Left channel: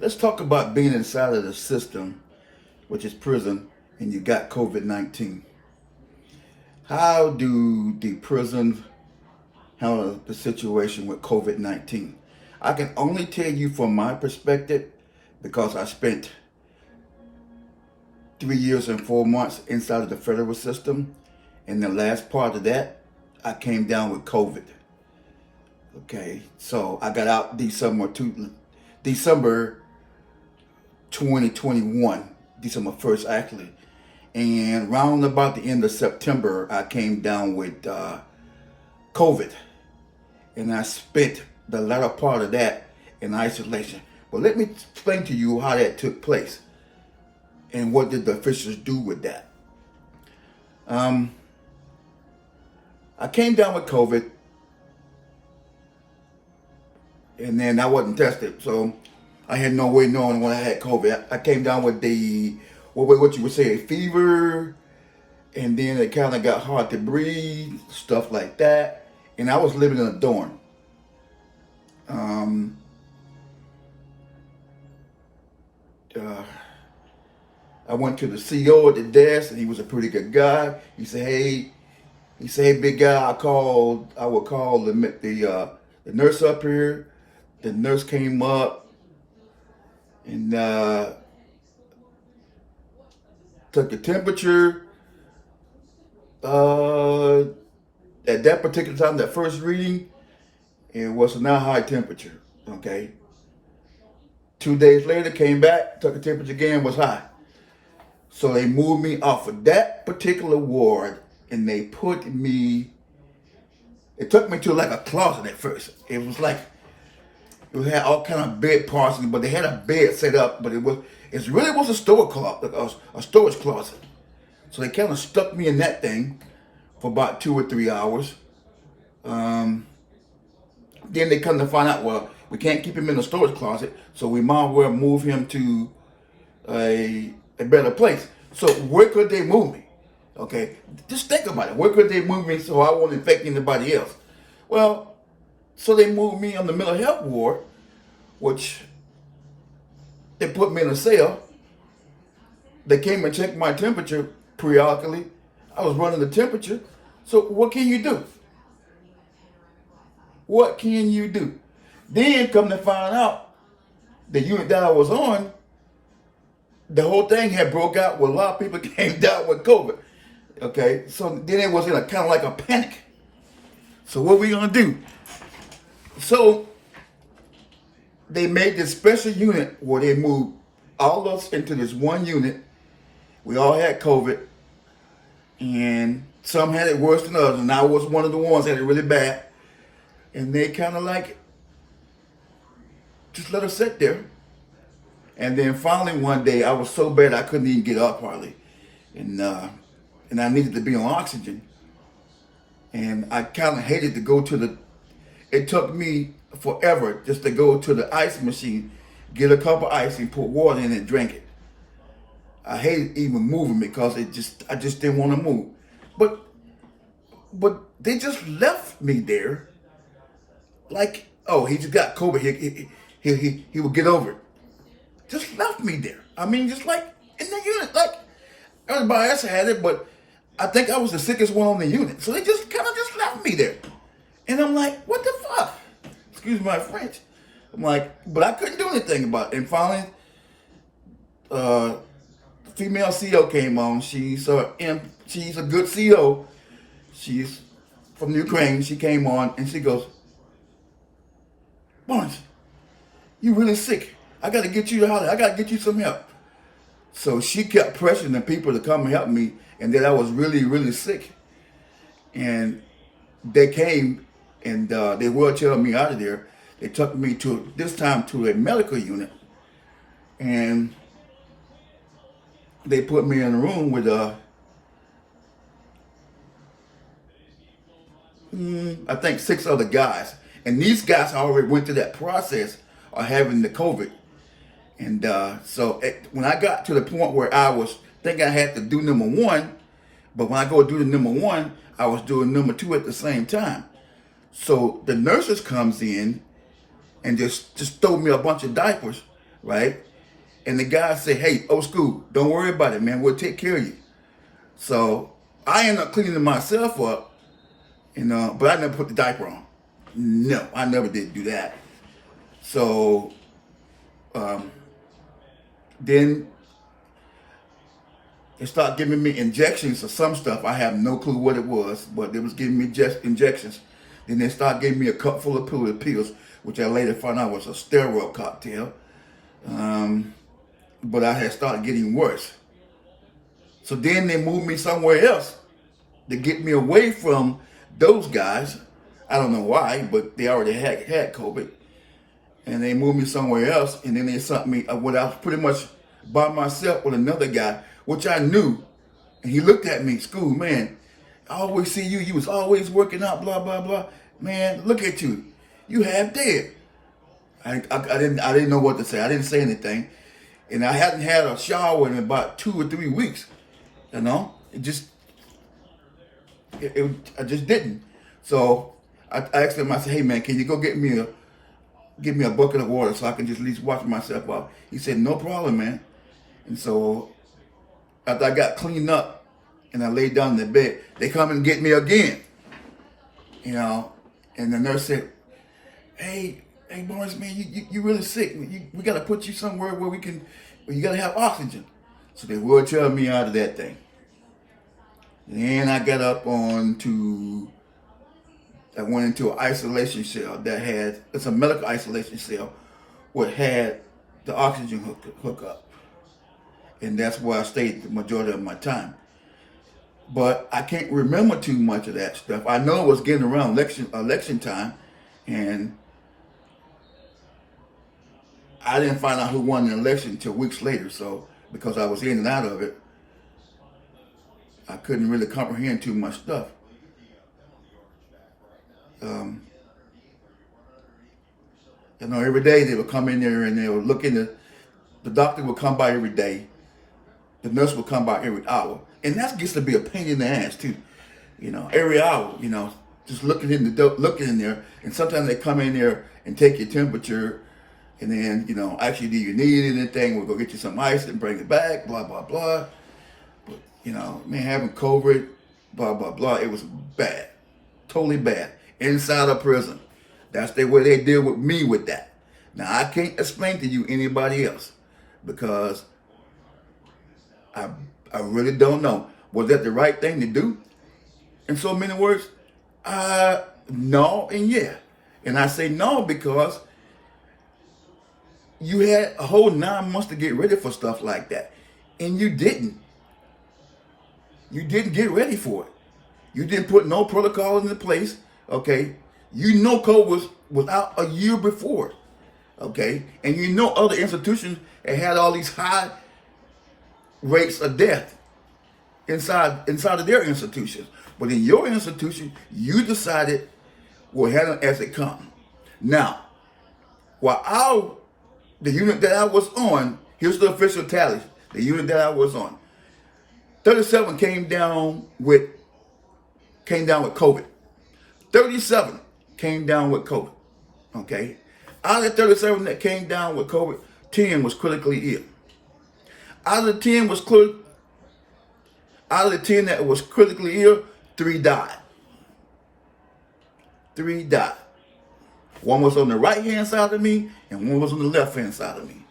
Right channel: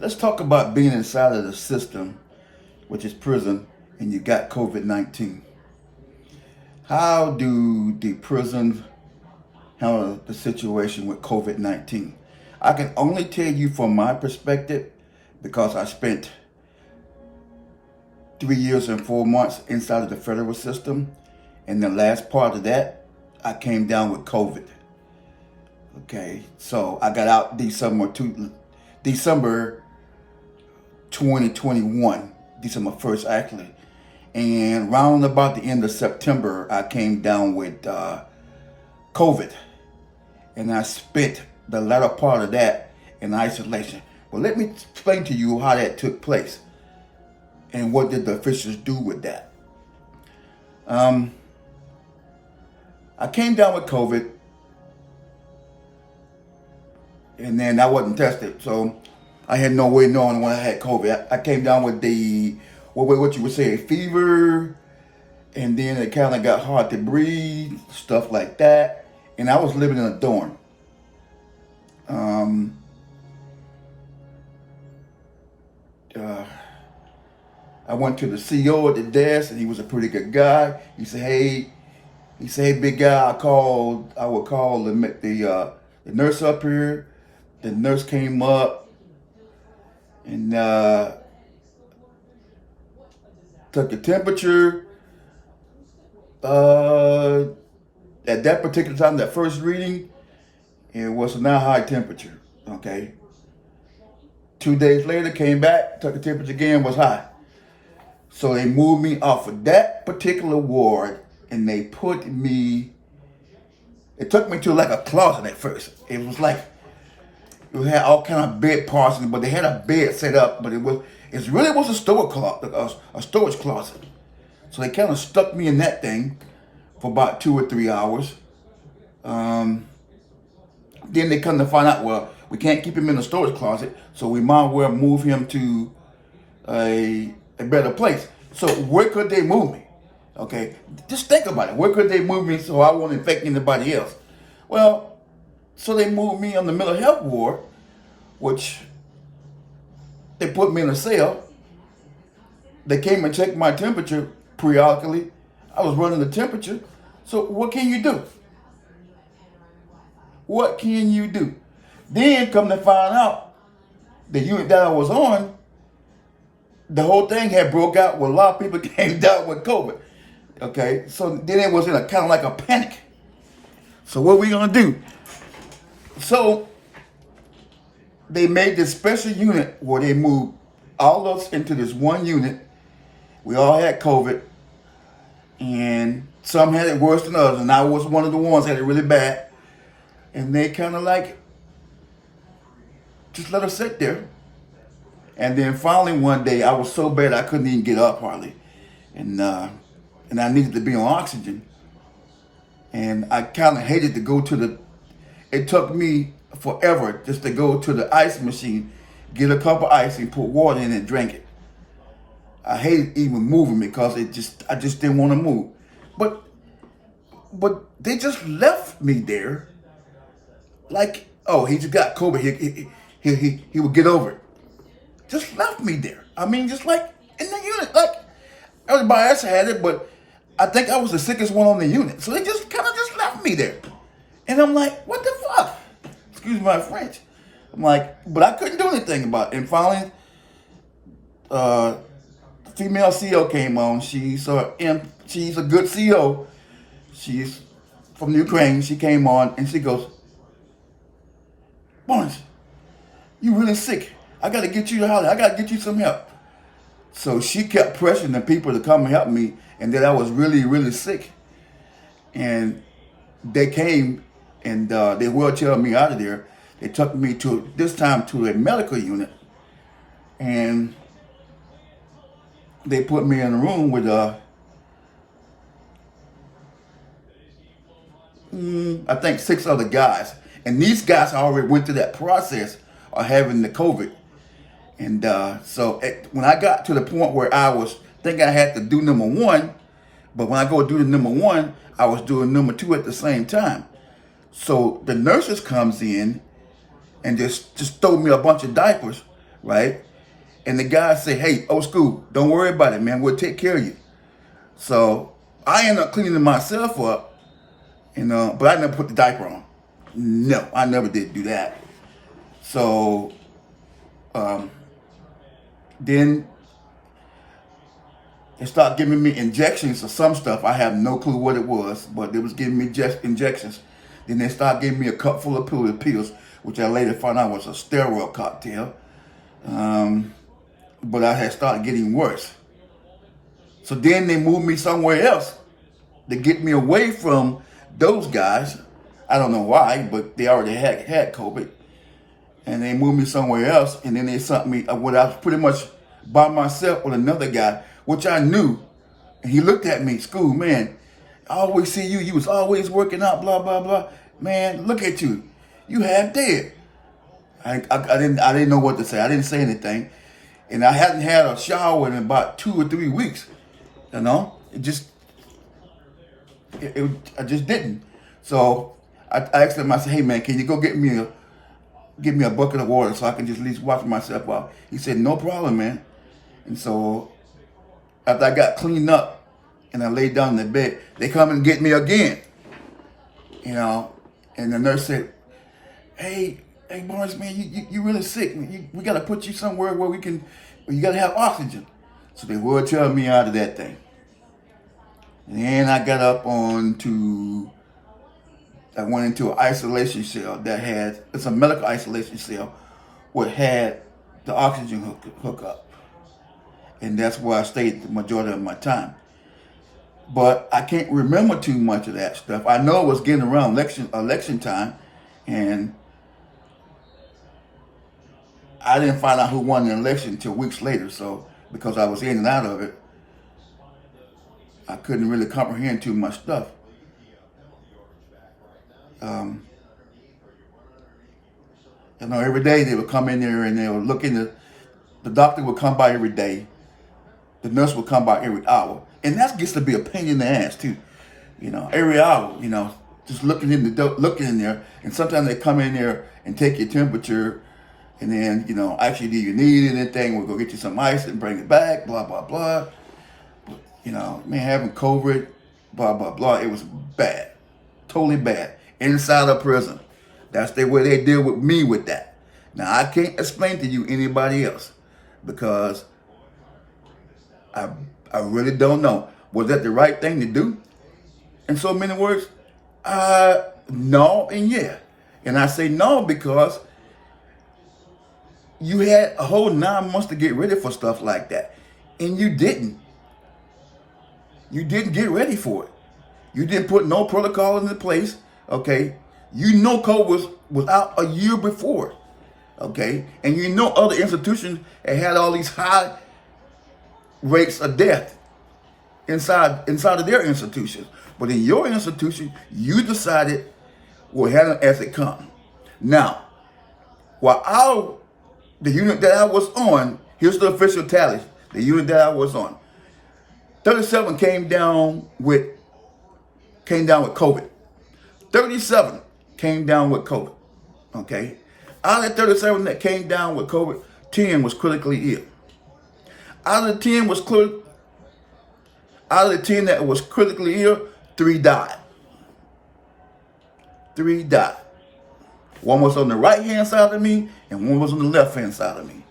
Let's talk about being inside of the system, which is prison, and you got COVID-19. How do the prison handle the situation with COVID-19? I can only tell you from my perspective because I spent 3 years and 4 months inside of the federal system. And the last part of that, I came down with COVID. Okay, so I got out December 2021, December 1st actually. And round about the end of September, I came down with COVID. And I spent the latter part of that in isolation. But let me explain to you how that took place and what did the officials do with that. I came down with COVID, and then I wasn't tested, so I had no way knowing when I had COVID. I came down with what you would say, a fever, and then it kind of got hard to breathe, stuff like that. And I was living in a dorm. I went to the CO at the desk, and he was a pretty good guy. He said, "Hey, big guy, I would call the nurse up here." The nurse came up and took the temperature. At that particular time, that first reading, it was not high temperature. Okay. 2 days later, came back, took the temperature again, was high. So they moved me off of that particular ward, and they took me to like a closet at first. It was like, it had all kind of bed parts, but they had a bed set up, but it really was a storage closet. So they kind of stuck me in that thing for about 2 or 3 hours. Then they come to find out, well, we can't keep him in the storage closet, so we might as well move him to a better place. So where could they move me? Okay, just think about it. Where could they move me so I won't infect anybody else? Well, so they moved me on the mental health ward, which they put me in a cell. They came and checked my temperature periodically. I was running the temperature. So what can you do? What can you do? Then come to find out, the unit that I was on, the whole thing had broke out where a lot of people came down with COVID. Okay, so then it was in a kind of like a panic. So what are we gonna do? So they made this special unit where they moved all of us into this one unit. We all had COVID, and some had it worse than others, and I was one of the ones that had it really bad. And they kind of like just let us sit there. And then finally one day I was so bad I couldn't even get up hardly, and I needed to be on oxygen. And I kind of hated to go to it took me forever just to go to the ice machine, get a cup of ice and put water in it and drink it. I hated even moving because I just didn't want to move. But they just left me there like, oh, he just got COVID. He would get over it. Just left me there. I mean, just like in the unit, like everybody else had it, but I think I was the sickest one on the unit. So they just kind of just left me there. And I'm like, what the fuck? Excuse my French. I'm like, but I couldn't do anything about it. And finally, the female CO came on. She's a good CO. She's from Ukraine. She came on and she goes, "Barnes, you really sick. I got to get you out. I got to get you some help." So she kept pressuring the people to come and help me, and that I was really, really sick. And they came and they wheelchaired me out of there. They took me this time to a medical unit, and they put me in a room with I think 6 other guys. And these guys already went through that process of having the COVID. And when I got to the point where I was thinking I had to do number 1, but when I go do the number 1, I was doing number 2 at the same time. So the nurses comes in and just throw me a bunch of diapers. right? And the guy said, hey, old school, don't worry about it, man. We'll take care of you. So I ended up cleaning myself up, but I never put the diaper on. No, I never did do that. So then they started giving me injections of some stuff. I have no clue what it was, but they was giving me just injections. Then they started giving me a cup full of pills, which I later found out was a steroid cocktail. But I had started getting worse. So then they moved me somewhere else to get me away from those guys. I don't know why, but they already had COVID. And they moved me somewhere else, and then they sent me when I was pretty much by myself with another guy, which I knew. And he looked at me, school, man, I always see you. You was always working out, blah, blah, blah. Man, look at you. You half dead. I didn't know what to say. I didn't say anything. And I hadn't had a shower in about 2 or 3 weeks. I just didn't. So I asked him, I said, hey man, can you go give me a bucket of water so I can just at least wash myself off? He said, no problem, man. And so after I got cleaned up and I laid down in the bed, they come and get me again. And the nurse said, hey Barnes, man, you really sick. We got to put you somewhere where you got to have oxygen. So they would tell me out of that thing. And then I got up I went into an isolation cell it's a medical isolation cell, what had the oxygen hookup. And that's where I stayed the majority of my time. But I can't remember too much of that stuff. I know it was getting around election time, and I didn't find out who won the election until weeks later. So because I was in and out of it, I couldn't really comprehend too much stuff. Every day they would come in there and they would look in the doctor would come by every day. The nurse would come by every hour. And that gets to be a pain in the ass too. Every hour, just looking in there. And sometimes they come in there and take your temperature and then, actually, do you need anything? We'll go get you some ice and bring it back, blah, blah, blah. But, having COVID, blah, blah, blah, it was bad. Totally bad. Inside a prison. That's the way they deal with me with that. Now, I can't explain to you anybody else because I really don't know. Was that the right thing to do? In so many words, no and yeah. And I say no because you had a whole 9 months to get ready for stuff like that. And you didn't. You didn't get ready for it. You didn't put no protocol into place, okay? COVID was out a year before, okay? And other institutions had all these high rates of death inside of their institutions. But in your institution, you decided we'll handle it as it comes. Now, the unit that I was on, here's the official tally. The unit that I was on, 37 came down with COVID. 37 came down with COVID. Okay, out of the 37 that came down with COVID, 10 was critically ill. Out of the 10 that was critically ill, 3 died. 3 died. One was on the right hand side of me, and one was on the left hand side of me.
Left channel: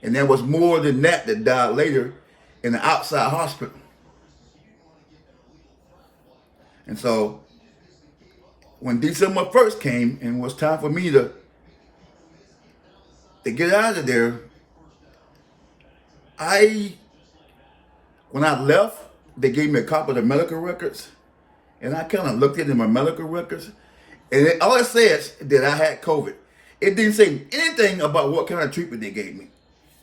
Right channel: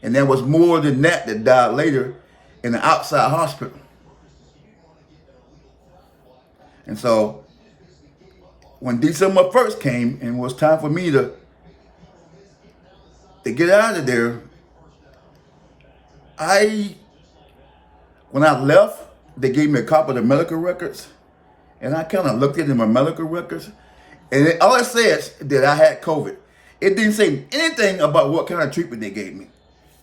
And there was more than that died later in the outside hospital. And so when December 1st came and it was time for me to get out of there, when I left, they gave me a copy of the medical records. And I kind of looked into my medical records. And all it says that I had COVID. It didn't say anything about what kind of treatment they gave me.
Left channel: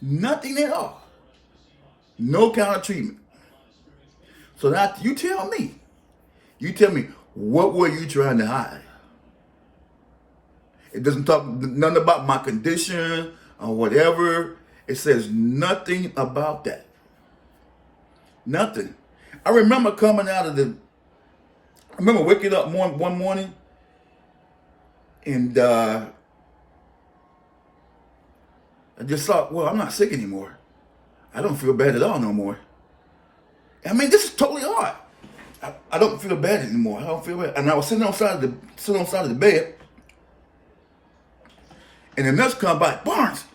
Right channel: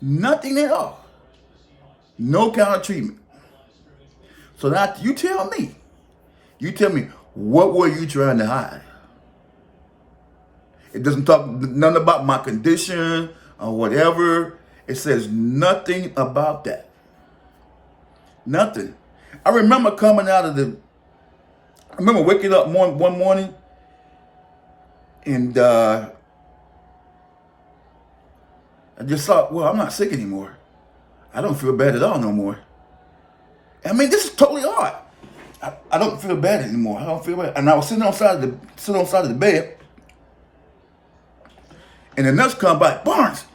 Nothing at all. No kind of treatment. So now you tell me, what were you trying to hide? It doesn't talk nothing about my condition or whatever. It says nothing about that. Nothing. I remember waking up one morning And I just thought, well, I'm not sick anymore. I don't feel bad at all no more. I mean, this is totally odd. I don't feel bad anymore. I don't feel bad. And I was sitting on the side of the bed, and the nurse come by. Barnes,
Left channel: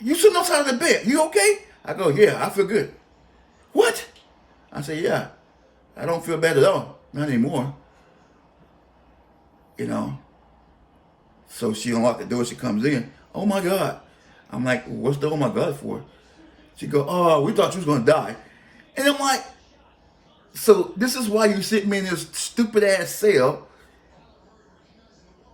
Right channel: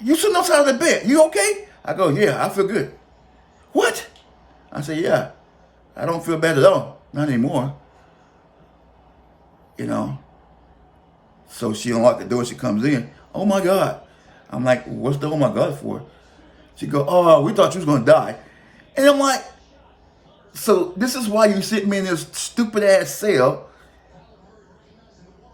you sitting on the side of the bed. You okay? I go, yeah, I feel good. What? I say, yeah, I don't feel bad at all. Not anymore. You know. So she unlocked the door. She comes in. Oh my God. I'm like, what's the oh my God for? She go, oh, we thought you was gonna die. And I'm like, so this is why you sit me in this stupid ass cell.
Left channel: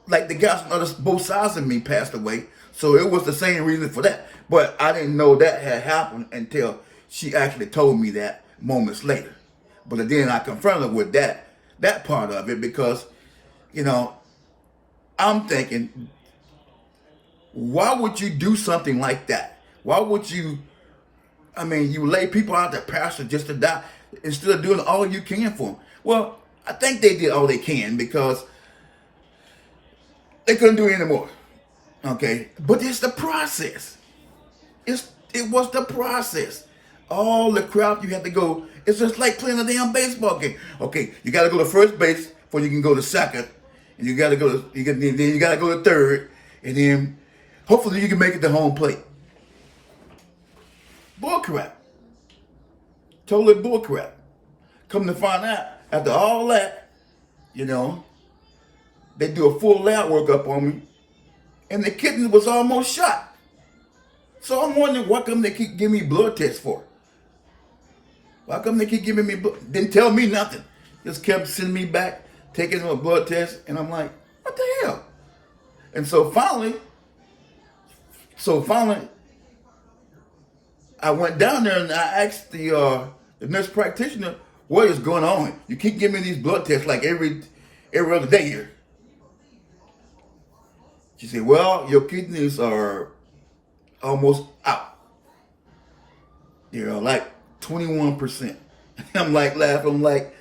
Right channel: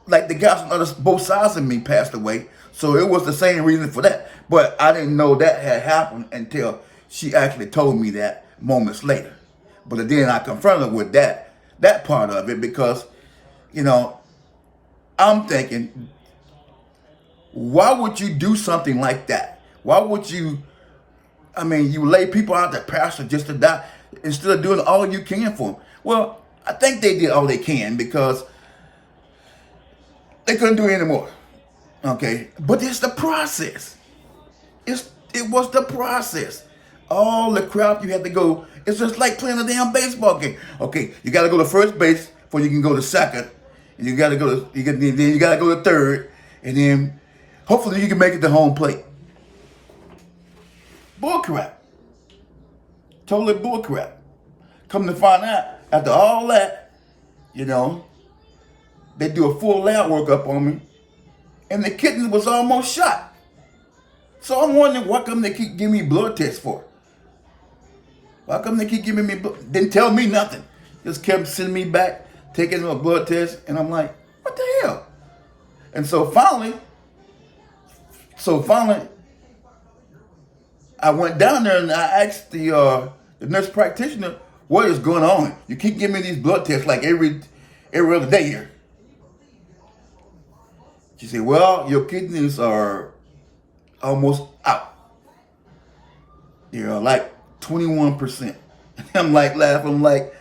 Like the guys on both sides of me passed away. So it was the same reason for that. But I didn't know that had happened until she actually told me that moments later. But then I confronted her with that part of it because, you know, I'm thinking, why would you do something like that? Why would you, I mean, you lay people out there, pastor, just to die instead of doing all you can for them? Well, I think they did all they can because they couldn't do it anymore. Okay, but it's the process. It was the process. All the crap you had to go. It's just like playing a damn baseball game. Okay, you got to go to first base before you can go to second, and you got to go. Then you got to go to third, and then hopefully you can make it to home plate. Bull crap. Totally bull crap. Come to find out, after all that, you know, they do a full lab workup on me, and the kidney was almost shot. So I'm wondering, what come they keep giving me blood tests for? Why come they keep giving me blood? Didn't tell me nothing. Just kept sending me back, taking a blood test, and I'm like, what the hell? And so finally, I went down there and I asked the nurse practitioner, what is going on? You keep giving me these blood tests like every other day here. She said, well, your kidneys are almost out. You're like 21%. I'm like laughing, I'm like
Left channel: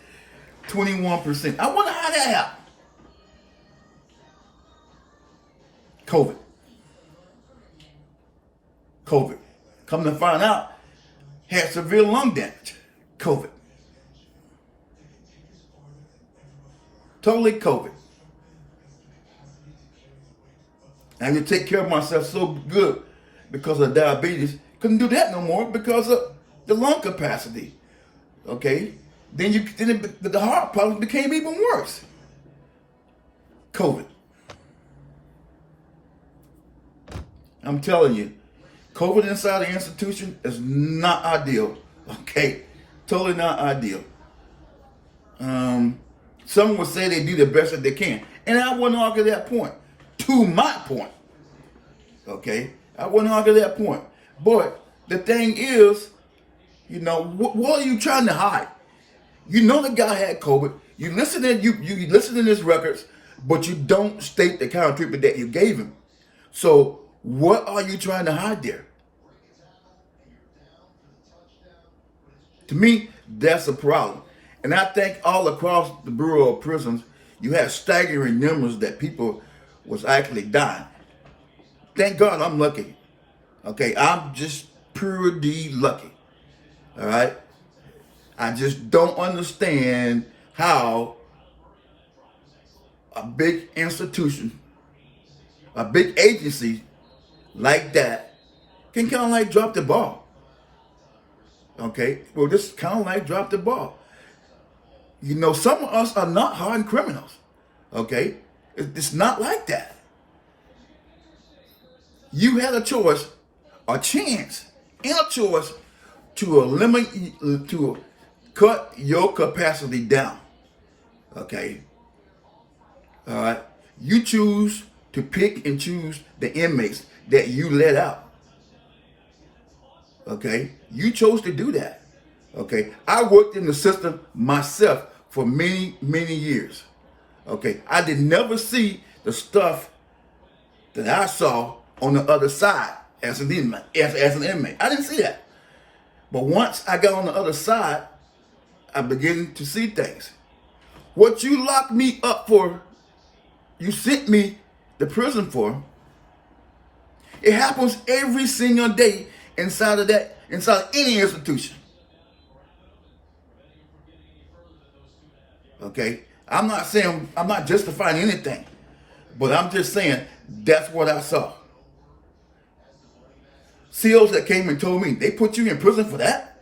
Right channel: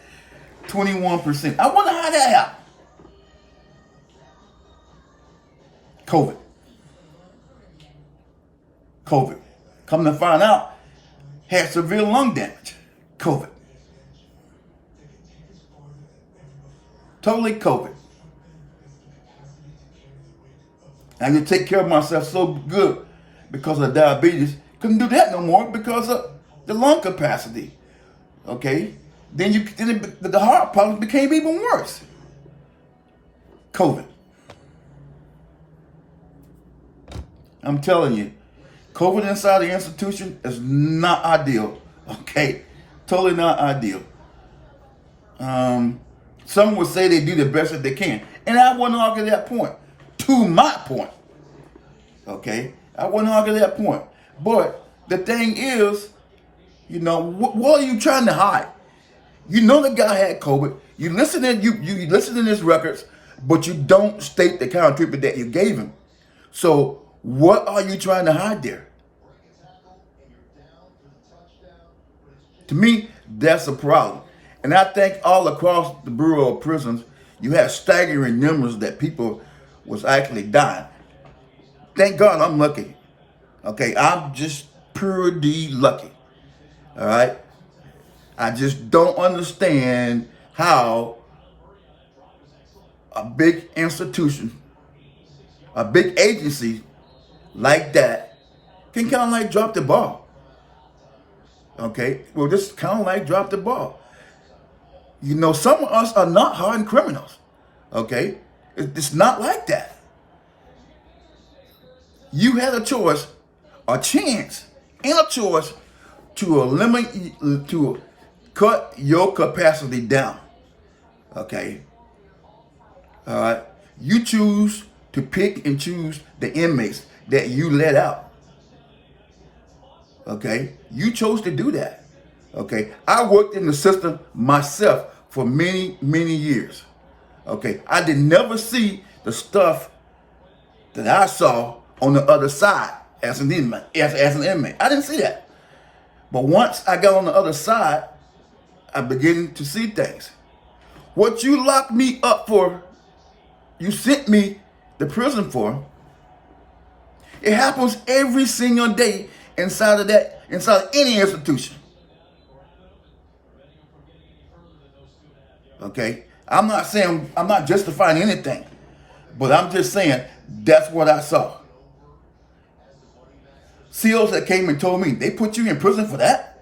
21%. I wonder how that happened. COVID. Come to find out, had severe lung damage. COVID. Totally COVID. I could take care of myself so good because of diabetes. Couldn't do that no more because of the lung capacity. Okay? Then the heart problem became even worse. COVID. I'm telling you, COVID inside the institution is not ideal. Okay? Totally not ideal. Some would say they do the best that they can. And I wouldn't argue that point. To my point. Okay? I wouldn't argue that point. But the thing is, you know, what are you trying to hide? You know the guy had COVID. You listen to his records, but you don't state the kind of treatment that you gave him. So what are you trying to hide there? To me, that's a problem. And I think all across the Bureau of Prisons, you have staggering numbers that people was actually dying. Thank God I'm lucky. Okay, I'm just pretty lucky. All right? I just don't understand how a big institution, a big agency like that can kind of like drop the ball. Okay? Well, just kind of like drop the ball. You know, some of us are not hardened criminals. Okay? It's not like that. You had a choice, a chance, and a choice to eliminate, to cut your capacity down. Okay? All right? You choose to pick and choose the inmates that you let out. Okay? You chose to do that. Okay? I worked in the system myself for many, many years. Okay? I did never see the stuff that I saw on the other side as an inmate. As an inmate. I didn't see that. But once I got on the other side, I began to see things. What you locked me up for you sent me to prison for, it happens every single day inside of any institution. Okay? I'm not justifying anything, but I'm just saying that's what I saw. SEALs that came and told me, they put you in prison for that?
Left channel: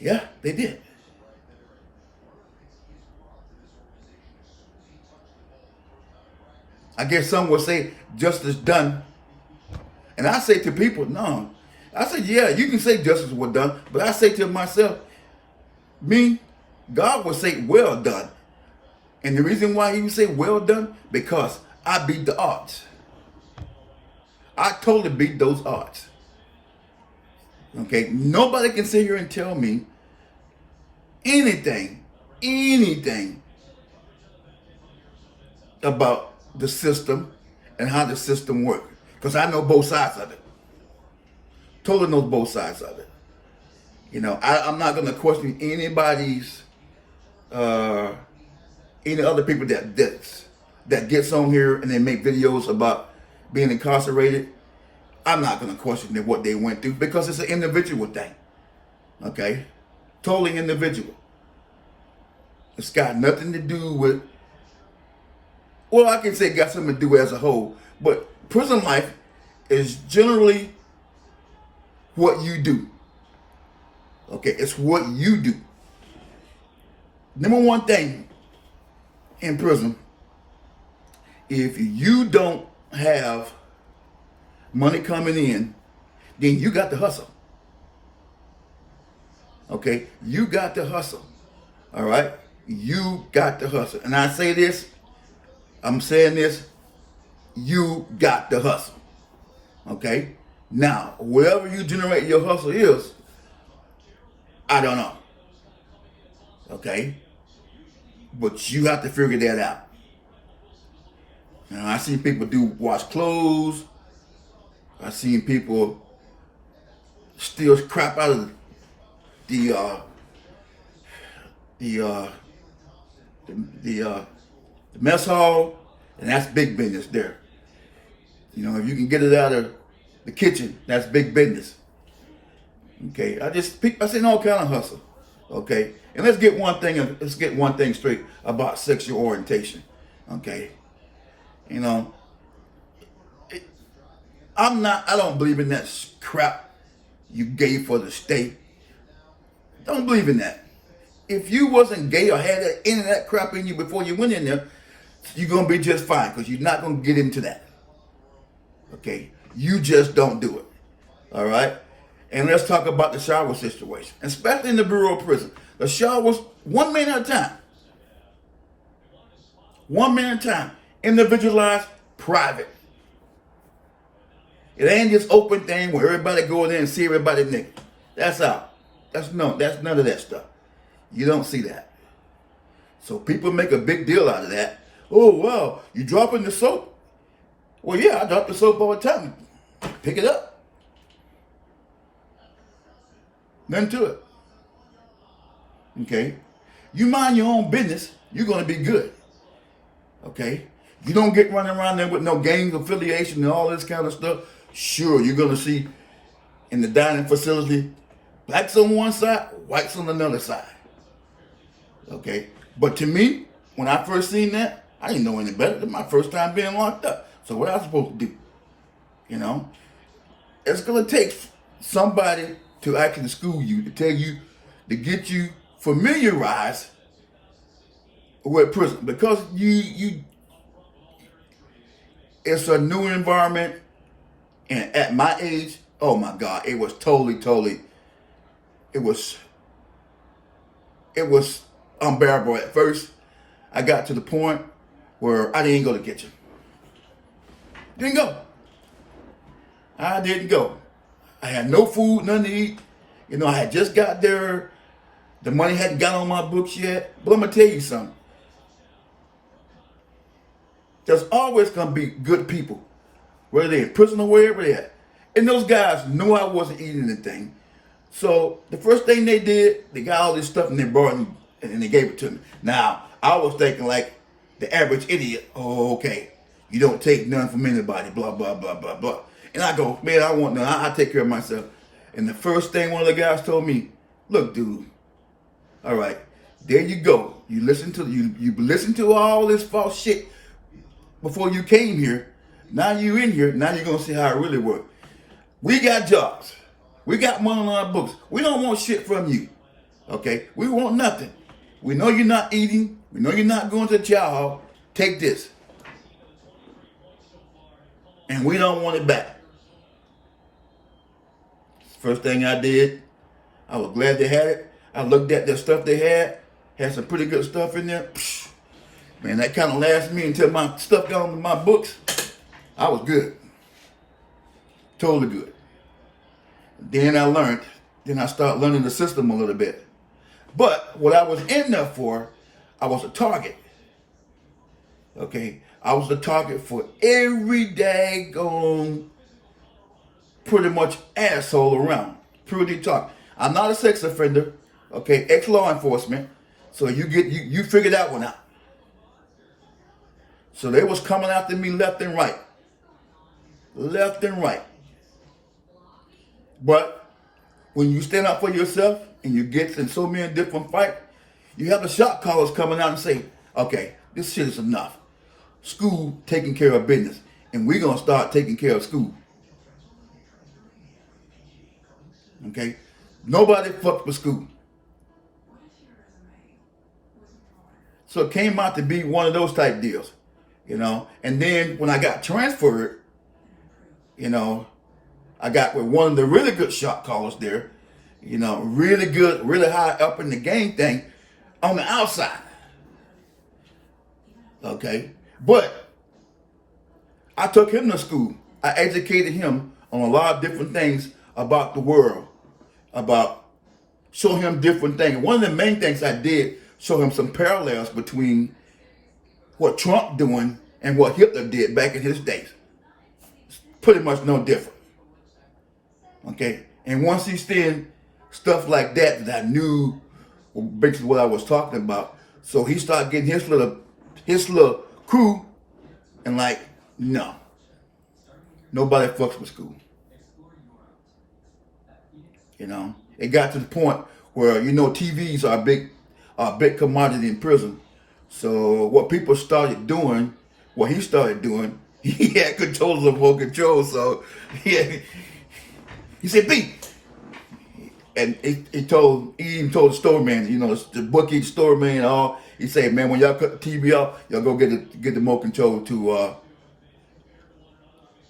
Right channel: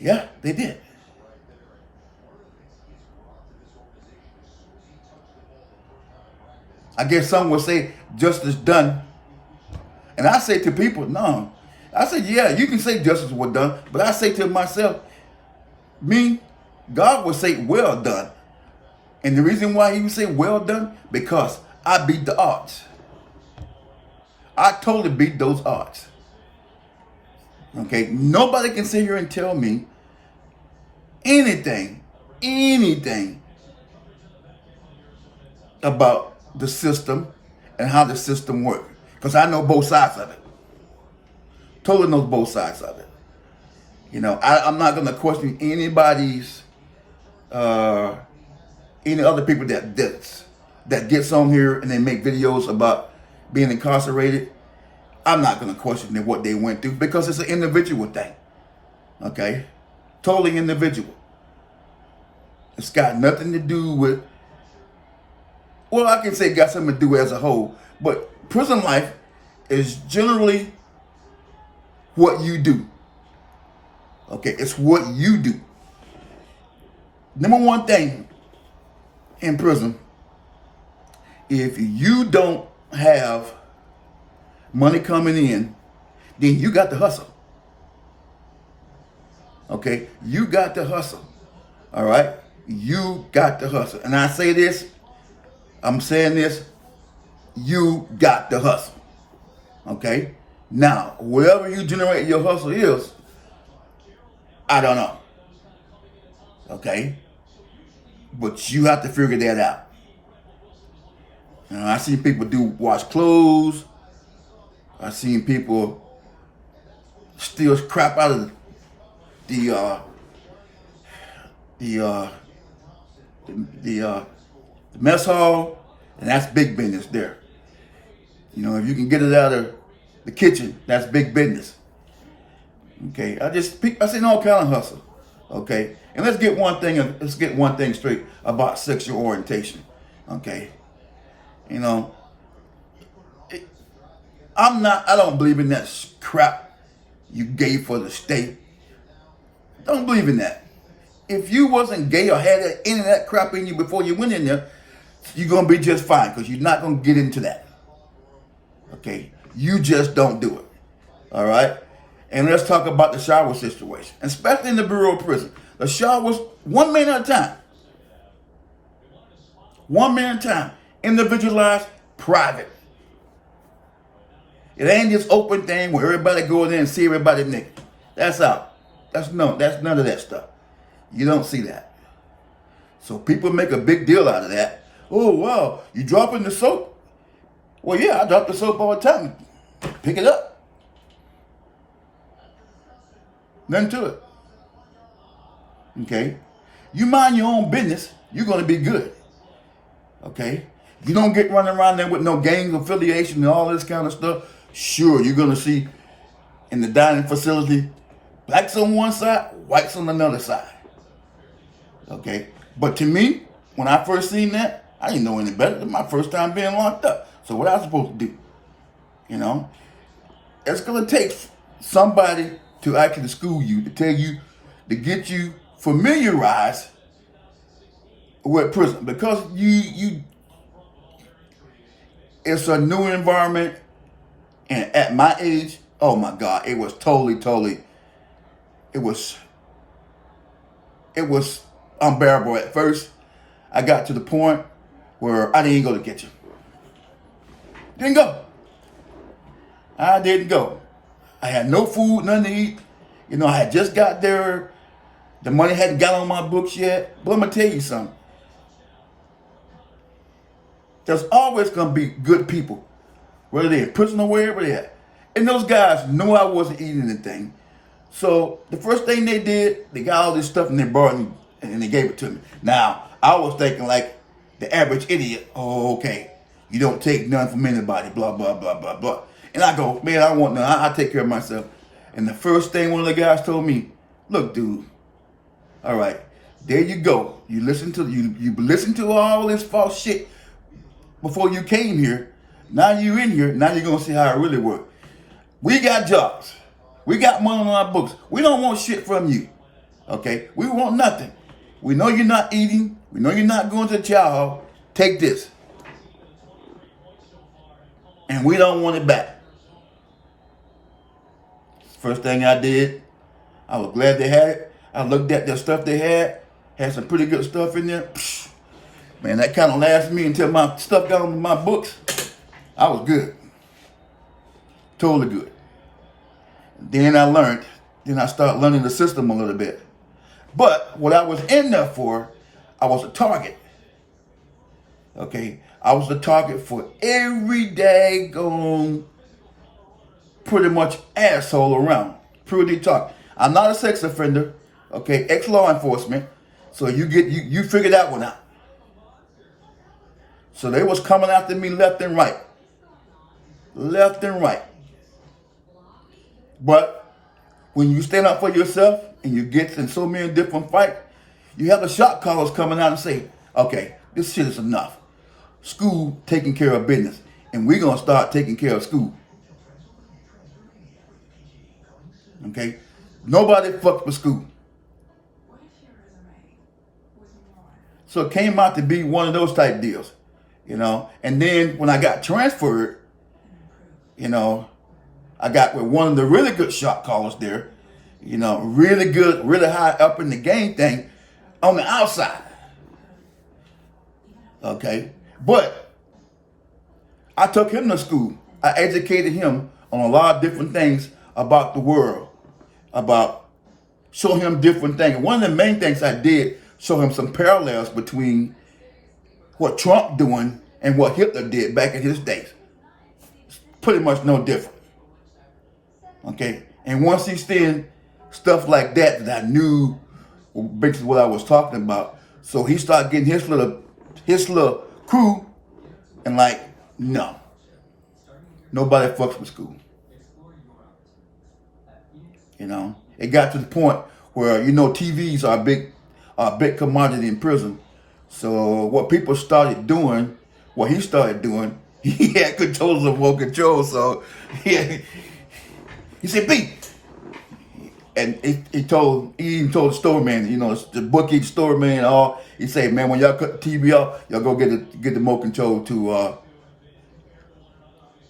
Yeah, they did. I guess some will say justice done. And I say to people, no. I say, yeah, you can say justice was done, but I say to myself, God will say, well done. And the reason why he would say well done, because I beat the odds. I totally beat those odds. Okay, nobody can sit here and tell me anything about the system and how the system works. Because I know both sides of it. Totally know both sides of it. You know, I'm not going to question anybody's, any other people that gets on here and they make videos about being incarcerated. I'm not going to question what they went through because it's an individual thing. Okay? Totally individual. It's got nothing to do with, well, I can say it got something to do as a whole, but prison life is generally what you do. Okay? It's what you do. Number one thing in prison, if you don't have money coming in, then you got to hustle. Okay? You got to hustle. All right? You got to hustle. And I say this, I'm saying this, you got to hustle. Okay? Now, wherever you generate your hustle is, I don't know. Okay? But you have to figure that out. You know, I see people wash clothes. I seen people steal crap out of the mess hall, and that's big business there. You know, if you can get it out of the kitchen, that's big business. Okay, I seen all kind of hustle. Okay, and let's get one thing straight about sexual orientation. Okay, you know, I don't believe in that crap you gay for the state. Don't believe in that. If you wasn't gay or had any of that crap in you before you went in there, you're going to be just fine because you're not going to get into that. Okay? You just don't do it. All right? And let's talk about the shower situation, especially in the Bureau of Prison. The showers, 1 minute at a time. 1 minute at a time. Individualized, private. It ain't just open thing where everybody go in there and see everybody naked. That's out. That's none of that stuff. You don't see that. So people make a big deal out of that. Oh, wow, you dropping the soap? Well, yeah, I drop the soap all the time. Pick it up. Nothing to it. Okay? You mind your own business, you're going to be good. Okay? You don't get running around there with no gang affiliation and all this kind of stuff. Sure, you're going to see in the dining facility, blacks on one side, whites on another side. Okay? But to me, when I first seen that, I didn't know any better. It was my first time being locked up. So what I was supposed to do? You know? It's going to take somebody to actually school you, to tell you, to get you familiarized with prison. Because it's a new environment. And at my age, oh my God, it was totally, it was unbearable at first. I got to the point where I didn't go to the kitchen. Didn't go. I didn't go. I had no food, nothing to eat. You know, I had just got there. The money hadn't got on my books yet. But I'm going to tell you something. There's always going to be good people, whether they're in prison or wherever they're at. And those guys knew I wasn't eating anything. So the first thing they did, they got all this stuff and they brought it and they gave it to me. Now, I was thinking like, the average idiot. Oh, okay. You don't take none from anybody, blah, blah, blah, blah, blah. And I go, man, I want none. I take care of myself. And the first thing one of the guys told me, look, dude, all right, there you go. You listen to all this false shit before you came here. Now you in here. Now you're gonna see how it really works. We got jobs. We got money on our books. We don't want shit from you. Okay? We want nothing. We know you're not eating. We know you're not going to the chow hall. Take this. And we don't want it back. First thing I did, I was glad they had it. I looked at the stuff they had some pretty good stuff in there. Psh, man, that kind of lasted me until my stuff got on my books. I was good. Totally good. Then I started learning the system a little bit. But what I was in there for, I was a target. Okay? I was the target for every daggone pretty much asshole around. Pretty target. I'm not a sex offender. Okay? Ex-law enforcement. So you figured that one out. So they was coming after me left and right. Left and right. But when you stand up for yourself and you get in so many different fights, you have the shot callers coming out and say, okay, this shit is enough. School taking care of business. And we're going to start taking care of school. Okay? Nobody fucks with school. So it came out to be one of those type deals. You know? And then when I got transferred, you know, I got with one of the really good shot callers there, you know, really good, really high up in the game thing on the outside. Okay? But I took him to school. I educated him on a lot of different things about the world, about showing him different things. One of the main things I did, show him some parallels between what Trump doing and what Hitler did back in his days. It's pretty much no different. Okay? And once he said stuff like that I knew basically what I was talking about, so he started getting his little crew, and like, no. Nobody fucks with school. You know? It got to the point where, you know, TVs are a big commodity in prison. So what people started doing, what he started doing, he had controls of remote control. So he said, "Pete," and he even told the store man, you know, the bookie, the store man, and all. He said, "Man, when y'all cut the TV off, y'all go get the remote control to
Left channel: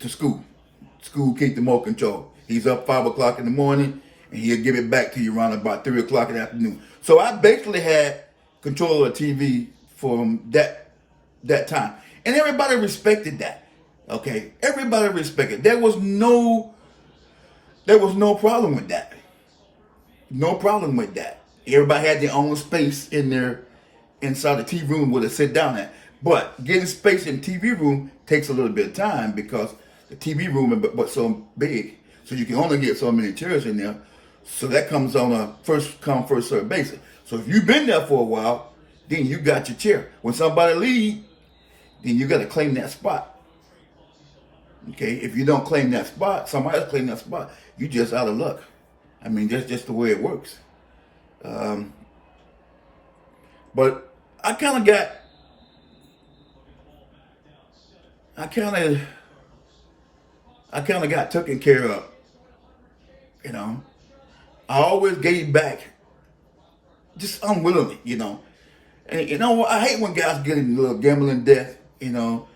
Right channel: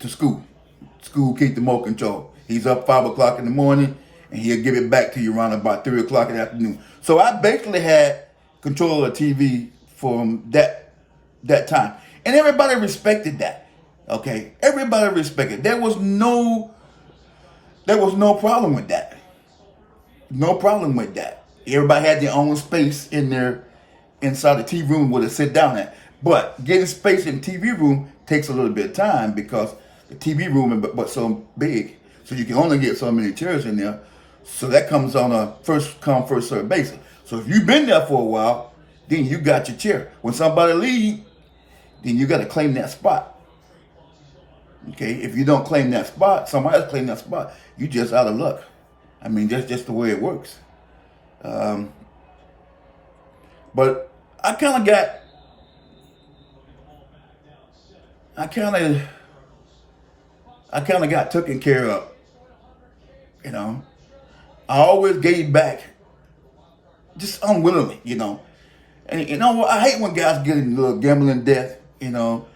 school. School keep the remote control. He's up 5 o'clock in the morning, and he'll give it back to you around about 3 o'clock in the afternoon." So I basically had control of the TV from that time, and everybody respected that. Okay, everybody respected. There was no problem with that. No problem with that. Everybody had their own space inside the TV room where they sit down at. But getting space in the TV room takes a little bit of time because the TV room is but so big. So you can only get so many chairs in there. So that comes on a first come, first served basis. So if you've been there for a while, then you got your chair. When somebody leaves, then you got to claim that spot. Okay? If you don't claim that spot, somebody else claim that spot, you just out of luck. I mean, that's just the way it works. But I kind of got taken care of. You know, I always gave back, just unwillingly. You know, and you know I hate when guys get in a little gambling debt. You know,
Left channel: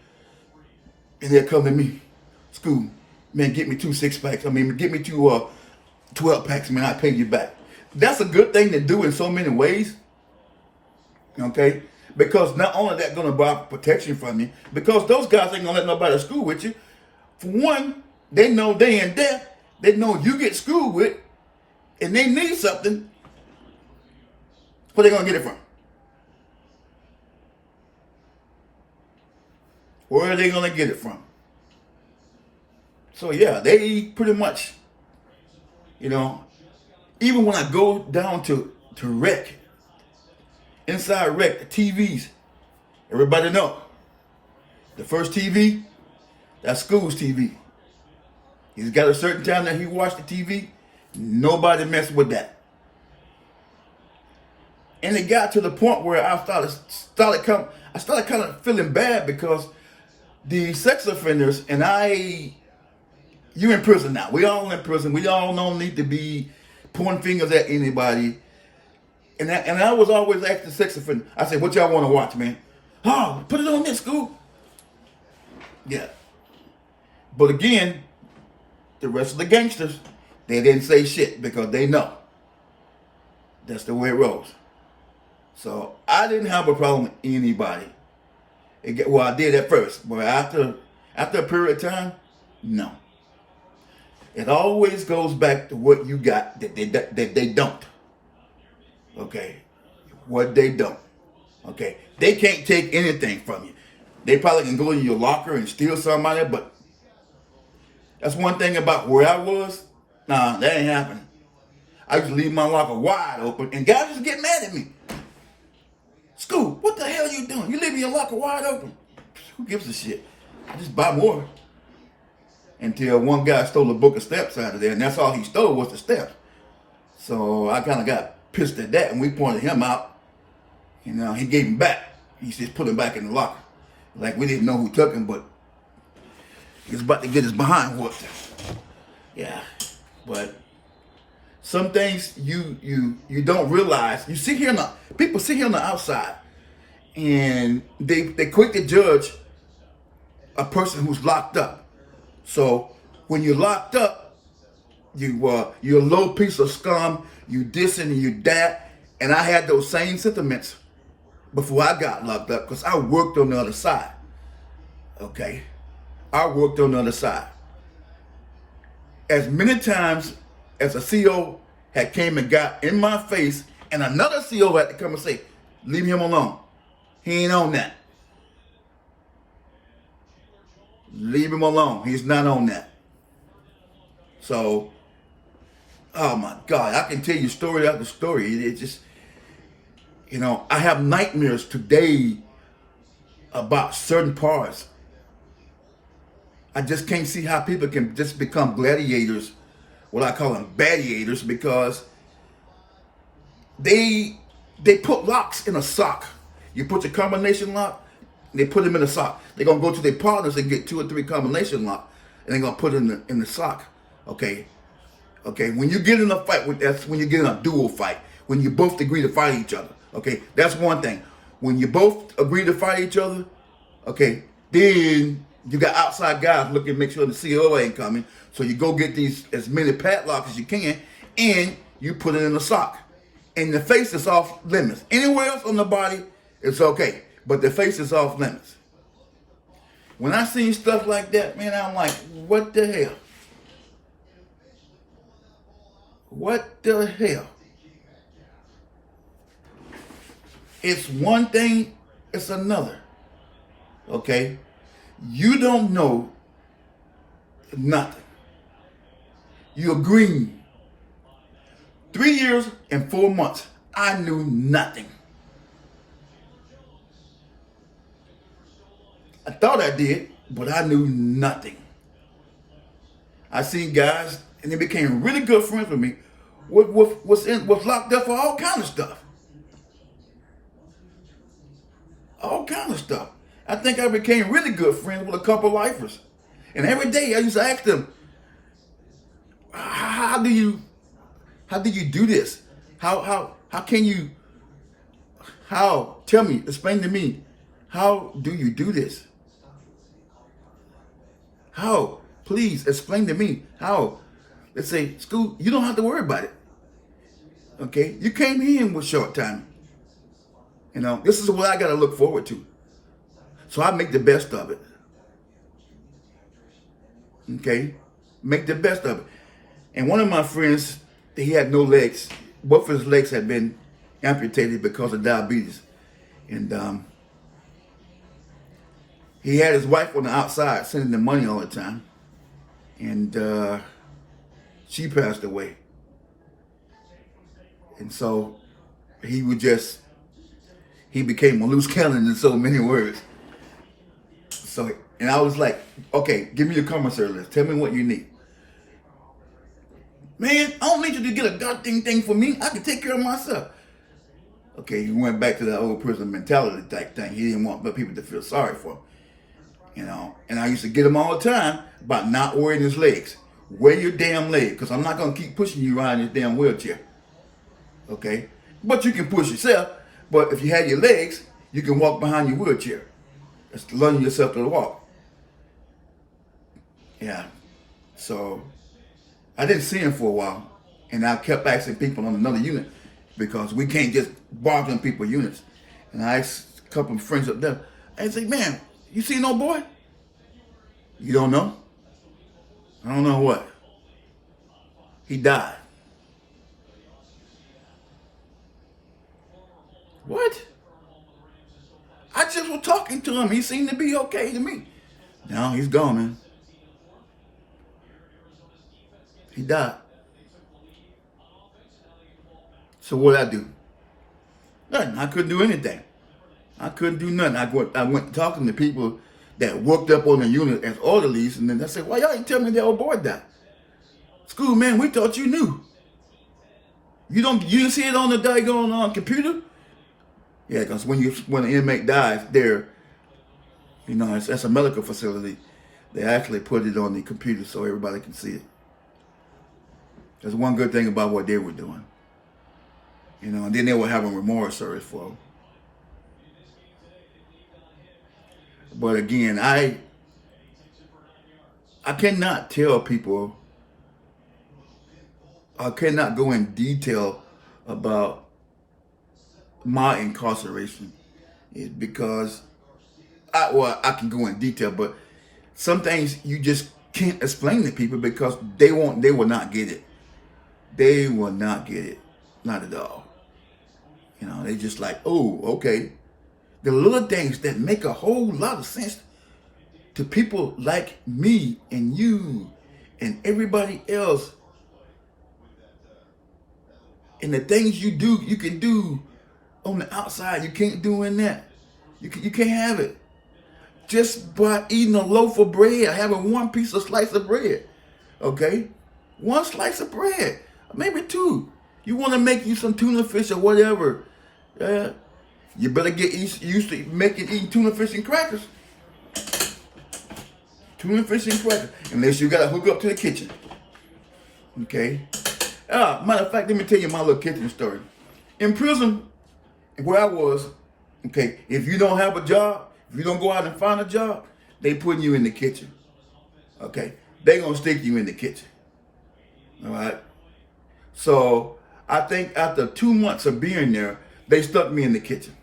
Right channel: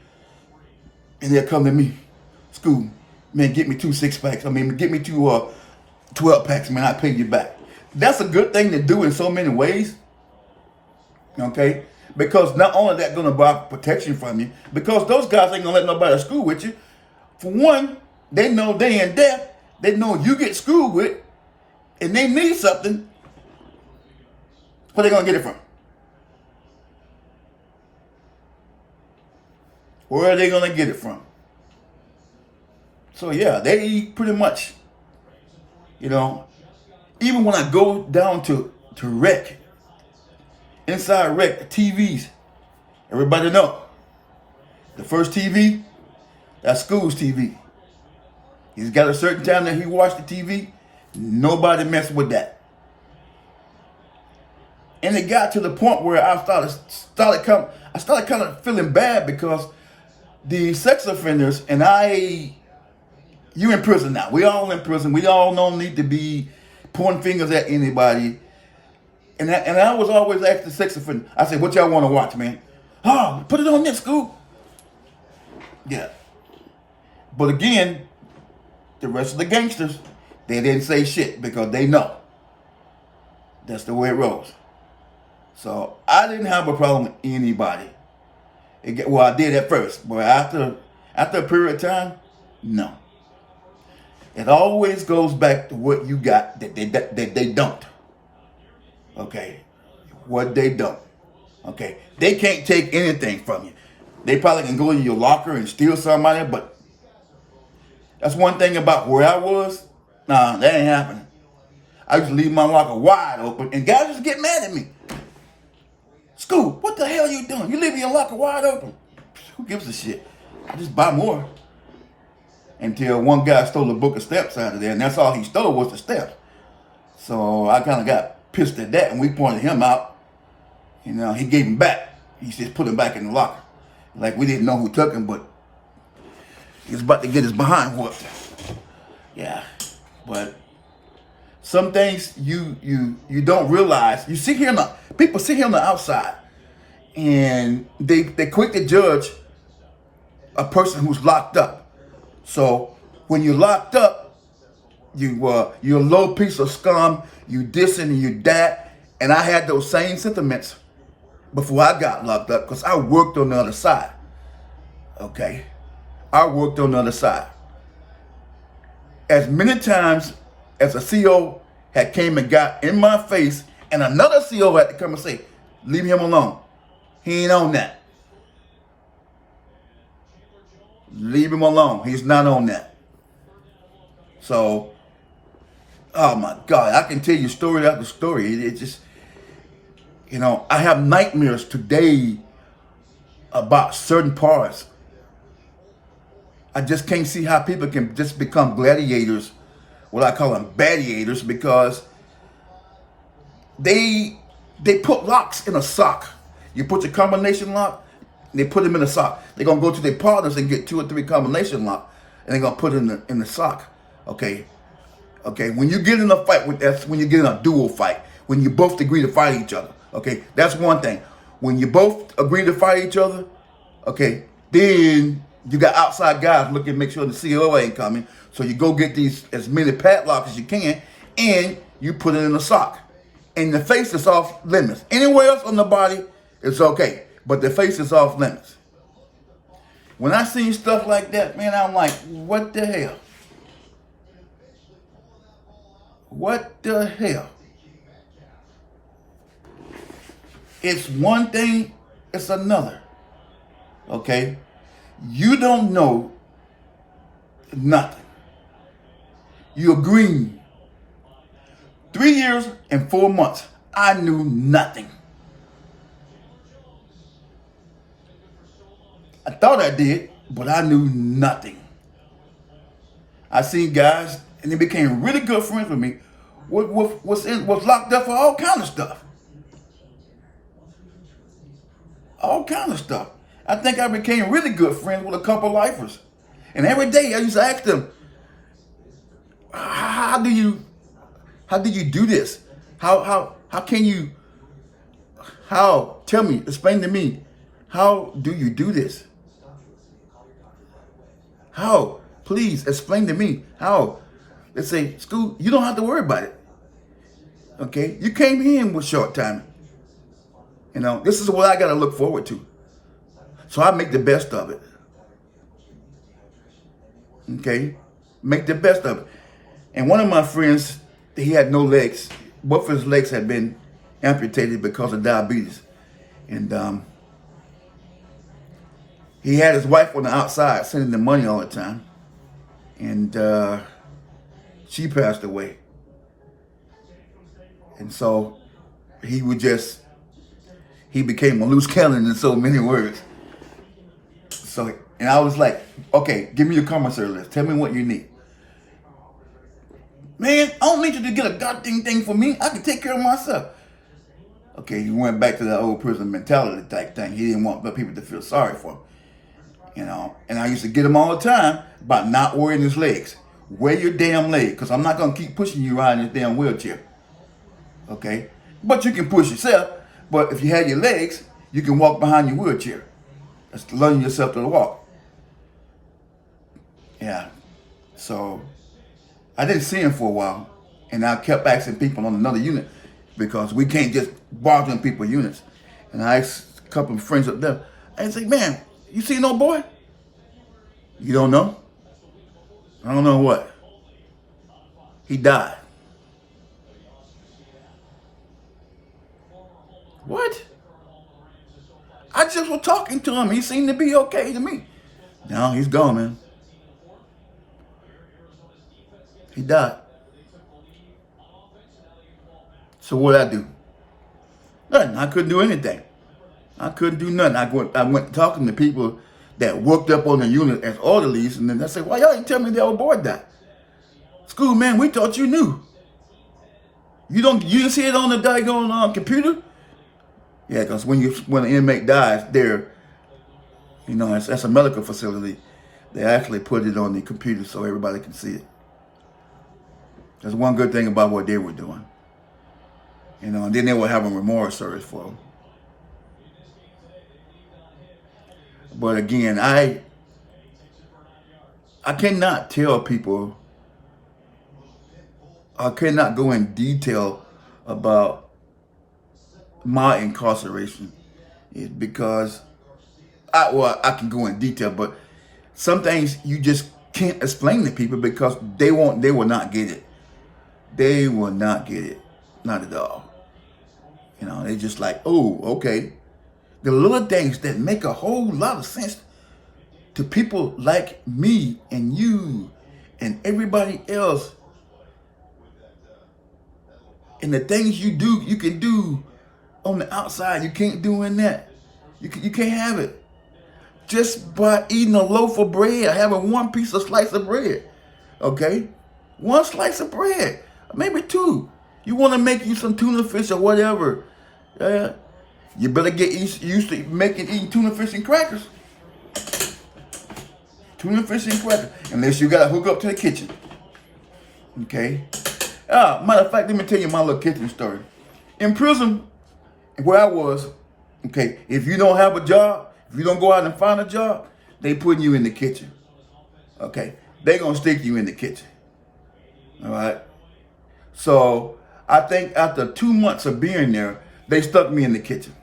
and they'll come to me, "School, man, get me 2 6-packs. I mean, get me 2 12-packs, man. I pay you back." That's a good thing to do in so many ways. Okay? Because not only that going to buy protection from you, because those guys ain't going to let nobody school with you. For one, they know they in debt. They know you get schooled with, and they need something. Where they going to get it from? Where are they going to get it from? So yeah, they pretty much, you know, even when I go down to rec, inside rec, the TVs, Everybody know. The first TV, that's school's TV. He's got a certain time that he watched the TV. Nobody messed with that. And it got to the point where I started kind of feeling bad because the sex offenders and you in prison now. We all in prison. We all don't need to be pointing fingers at anybody. And I was always asking the sex offender. I said, "What y'all want to watch, man?" "Oh, put it on this, school." Yeah. But again, the rest of the gangsters, they didn't say shit because they know. That's the way it rolls. So I didn't have a problem with anybody. Well, I did at first, but after a period of time, no. It always goes back to what you got that they don't. Okay, what they don't. Okay, they can't take anything from you. They probably can go in your locker and steal somebody, but that's one thing about where I was. Nah, that ain't happening. I used to leave my locker wide open, and guys just get mad at me. "Scoop, what the hell are you doing? You leaving your locker wide open?" Who gives a shit? I just buy more. Until one guy stole a book of steps out of there, and that's all he stole was the steps. So I kind of got pissed at that, and we pointed him out. He gave him back. He just put him back in the locker. Like we didn't know who took him, but he was about to get his behind whooped. Yeah, but some things you don't realize. You see here people see here on the outside, and they quick to judge a person who's locked up. So when you're locked up, you're a low piece of scum. You this and you that, and I had those same sentiments before I got locked up because I worked on the other side. Okay, I worked on the other side. As many times as a CO had came and got in my face, and another CO had to come and say, "Leave him alone. He ain't on that. Leave him alone. He's not on that." So, oh my God, I can tell you story after story. It's just, I have nightmares today about certain parts. I just can't see how people can just become gladiators, what I call them gladiators, because they put locks in a sock. You put the combination lock, they put them in a sock. They're gonna go to their partners and get 2 or 3 combination lock, and they're gonna put it in the sock. Okay. When you get in a fight that's when you get in a dual fight. When you both agree to fight each other. Okay, that's one thing. When you both agree to fight each other, okay, then you got outside guys looking to make sure the CO ain't coming. So you go get as many padlocks as you can, and you put it in a sock. And the face is off limits. Anywhere else on the body, it's okay. But the face is off limits. When I see stuff like that, man, I'm like, what the hell? What the hell? It's one thing, it's another. Okay? You don't know nothing. You're green. 3 years and 4 months, I knew nothing. I thought I did, but I knew nothing. I seen guys, and they became really good friends with me, was locked up for all kind of stuff. All kind of stuff. I think I became really good friends with a couple lifers. And every day I used to ask them, how do you do this? How can you, tell me, explain to me, how do you do this? How? Please explain to me how. They say, "School, you don't have to worry about it. Okay? You came in with short timing. This is what I got to look forward to. So I make the best of it." Okay? Make the best of it. And one of my friends, he had no legs. Both of his legs had been amputated because of diabetes. And he had his wife on the outside sending him money all the time. And she passed away. And so he he became a loose cannon in so many words. So, and I was like, okay, give me your commissary list. Tell me what you need. Man, I don't need you to get a goddamn thing for me. I can take care of myself. Okay, he went back to that old prison mentality type thing. He didn't want people to feel sorry for him. You know, and I used to get him all the time about not wearing his legs. Wear your damn leg, because I'm not going to keep pushing you around in this damn wheelchair. Okay? But you can push yourself. But if you had your legs, you can walk behind your wheelchair. That's learning yourself to walk. Yeah. So, I didn't see him for a while. And I kept asking people on another unit, because we can't just barge on people's units. And I asked a couple of friends up there, I said, man, you see no boy? You don't know? I don't know what. He died. What? I just was talking to him. He seemed to be okay to me. No, he's gone, man. He died. So what'd I do? Nothing. I couldn't do anything. I couldn't do nothing. I went talking to people that worked up on the unit as orderlies, and then I said, why y'all didn't tell me that old boy died? School, man, we thought you knew. You didn't see it on the daggone computer? Yeah, because when an inmate dies, there, you know, that's a medical facility. They actually put it on the computer so everybody can see it. There's one good thing about what they were doing. You know, and then they were having remorse service for them. But again, I cannot tell people, I cannot go in detail about my incarceration. It's because I can go in detail, but some things you just can't explain to people because they will not get it. They will not get it. Not at all. You know, they just like, oh, okay. The little things that make a whole lot of sense to people like me and you and everybody else. And the things you do, you can do on the outside. You can't do in that. You can't have it. Just by eating a loaf of bread, having one slice of bread. Okay? One slice of bread. Maybe two. You want to make you some tuna fish or whatever. You better get used to eating tuna fish and crackers. Tuna fish and crackers. Unless you got to hook up to the kitchen. Okay? Matter of fact, let me tell you my little kitchen story. In prison, where I was, okay, if you don't have a job, if you don't go out and find a job, they putting you in the kitchen. Okay? They going to stick you in the kitchen. All right? So, I think after 2 months of being there, they stuck me in the kitchen.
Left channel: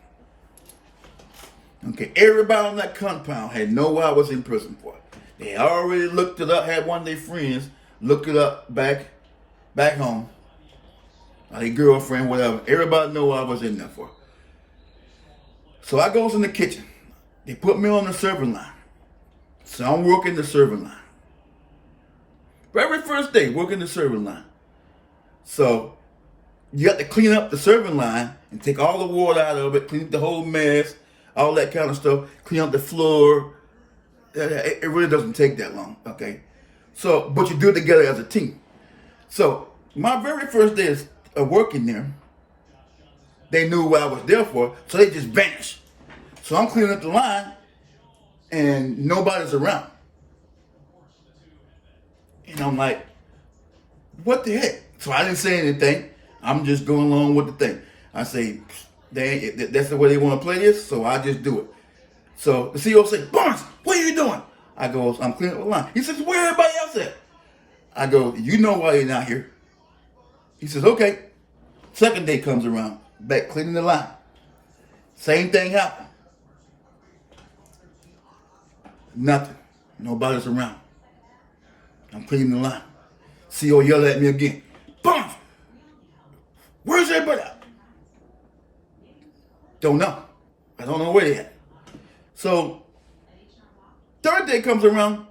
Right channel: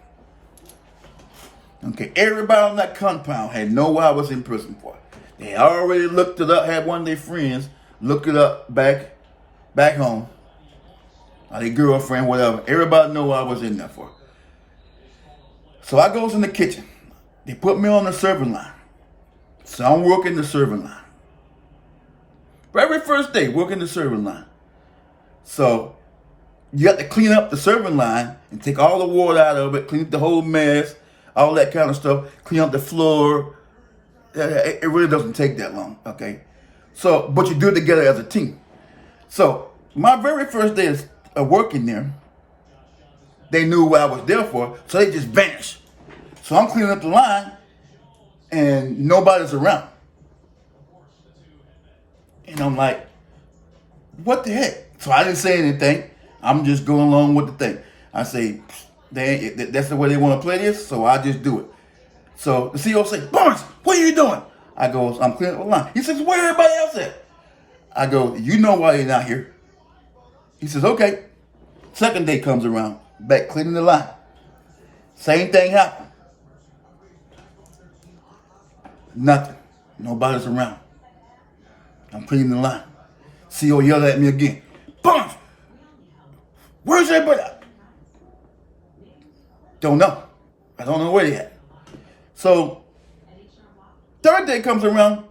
Okay, everybody on that compound had known what I was in prison for. They already looked it up, had one of their friends look it up back home. Or their girlfriend, whatever. Everybody know what I was in there for. So I goes in the kitchen. They put me on the serving line. So I'm working the serving line. Very first day, working the serving line. So you have to clean up the serving line and take all the water out of it, clean up the whole mess, all that kind of stuff, clean up the floor. It really doesn't take that long, okay? So, but you do it together as a team. So, my very first day of working there, they knew what I was there for, so they just vanished. So I'm cleaning up the line, and nobody's around. And I'm like, what the heck? So I didn't say anything. I'm just going along with the thing. I say, that's the way they want to play this, so I just do it. So the CEO says, Barnes, what are you doing? I go, I'm cleaning up the line. He says, where everybody else at? I go, you know why they're not here. He says, okay. Second day comes around, back cleaning the line. Same thing happened. Nothing. Nobody's around. I'm cleaning the line. CEO yelled at me again. Barnes, where's everybody? Don't know. I don't know where they at. So, third day comes around.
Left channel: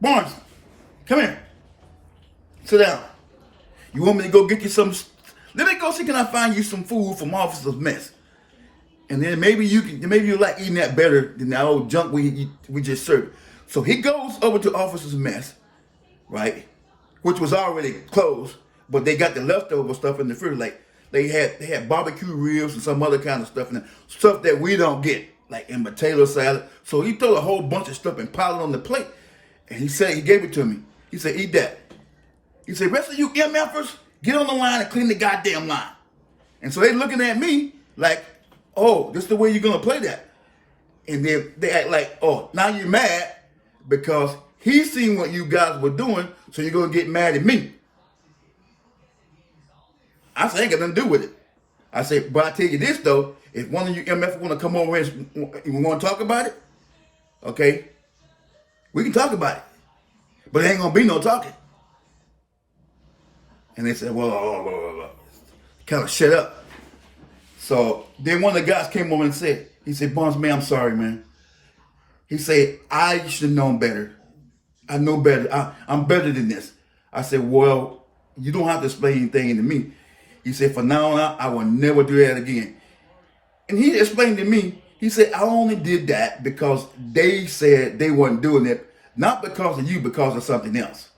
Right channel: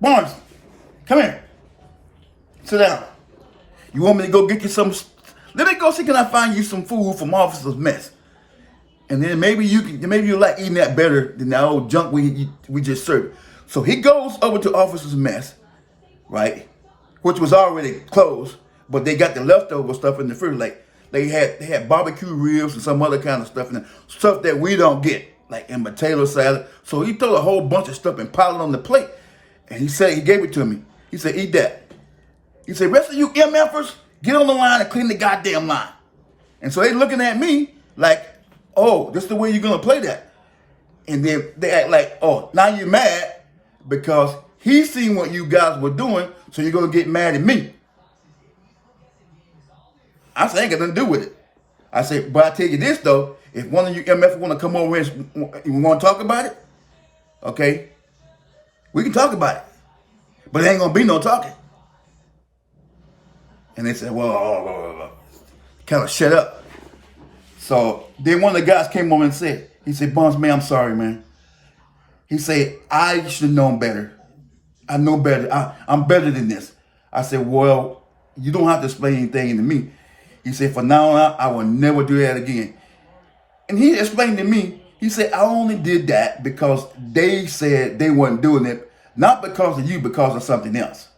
Barnes, come here. Sit down. You want me to go get you some Let me go see, can I find you some food from Officer's Mess? And then maybe you like eating that better than that old junk we just served. So he goes over to Officer's Mess, right? Which was already closed, but they got the leftover stuff in the fridge. Like they had barbecue ribs and some other kind of stuff, and stuff that we don't get, like in potato salad. So he threw a whole bunch of stuff and piled it on the plate. And he gave it to me. He said, eat that. He said, rest of you MFers, get on the line and clean the goddamn line. And so they looking at me like, oh, this is the way you're going to play that. And then they act like, oh, now you're mad because he seen what you guys were doing, so you're going to get mad at me. I said, ain't got nothing to do with it. I said, but I tell you this, though, if one of you MFers want to come over and you want to talk about it, okay, we can talk about it. But it ain't going to be no talking. And they said, well, kind of shut up. So then one of the guys came over and said, he said, Barnes, man, I'm sorry, man. He said, I should have known better. I know better. I'm better than this. I said, well, you don't have to explain anything to me. He said, from now on, I will never do that again. And he explained to me, he said, I only did that because they said they weren't doing it, not because of you, because of something else.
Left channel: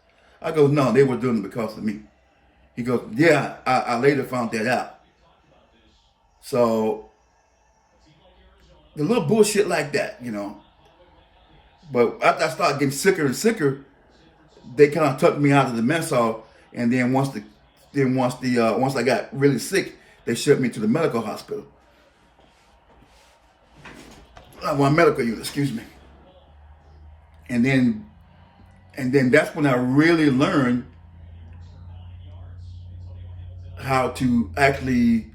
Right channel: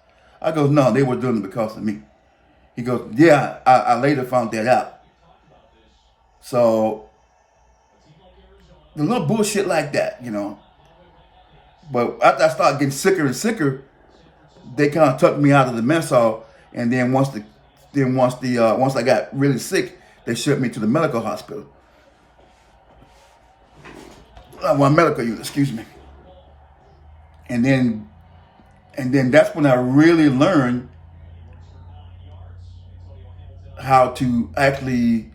I go, no, they were doing it because of me. He goes, yeah, I later found that out. So, the little bullshit like that, you know. But after I started getting sicker and sicker, they kind of took me out of the mess hall. And then once I got really sick, they shipped me to the medical hospital. Well, medical unit, excuse me. And then that's when I really learned how to actually